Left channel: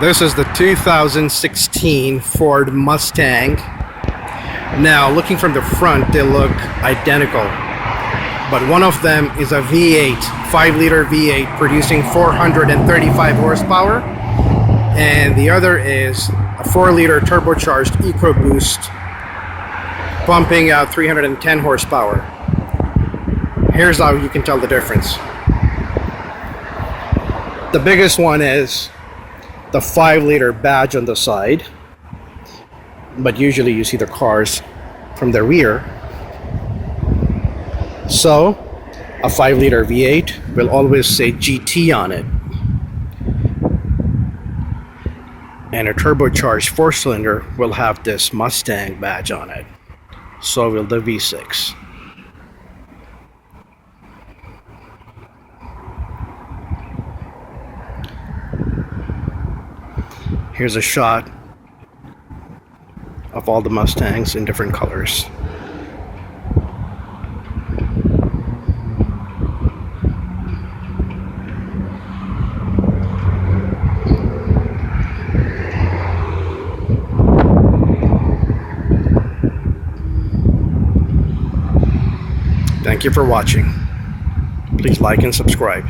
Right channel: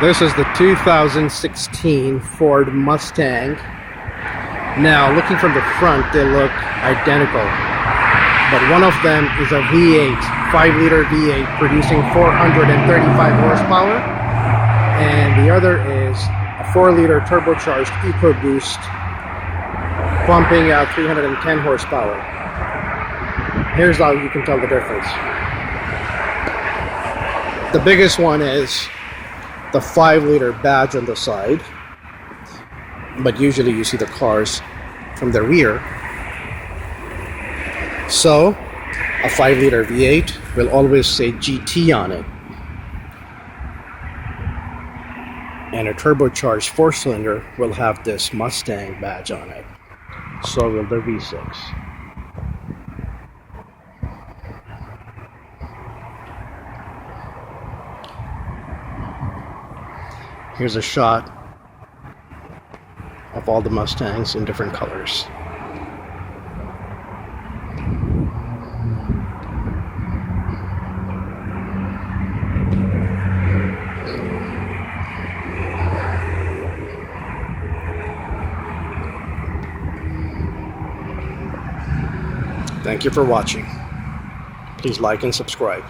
This is the 2016 Ford Mustang. Now, looking from the front, they look identical. But one of them is a V8, 5-liter V8, producing 435 horsepower. And the other is a 4-liter turbocharged Ecoboost, pumping out 310 horsepower. Here's how you can tell the difference. The biggest one is the 5-liter badge on the side, but usually you see the cars from the rear. So a 5-liter V8 will always say GT on it, and a turbocharged 4-cylinder will have this Mustang badge on it. So will the V6. Here's a shot of all the Mustangs in different colors. Thank you for watching. Please like and subscribe.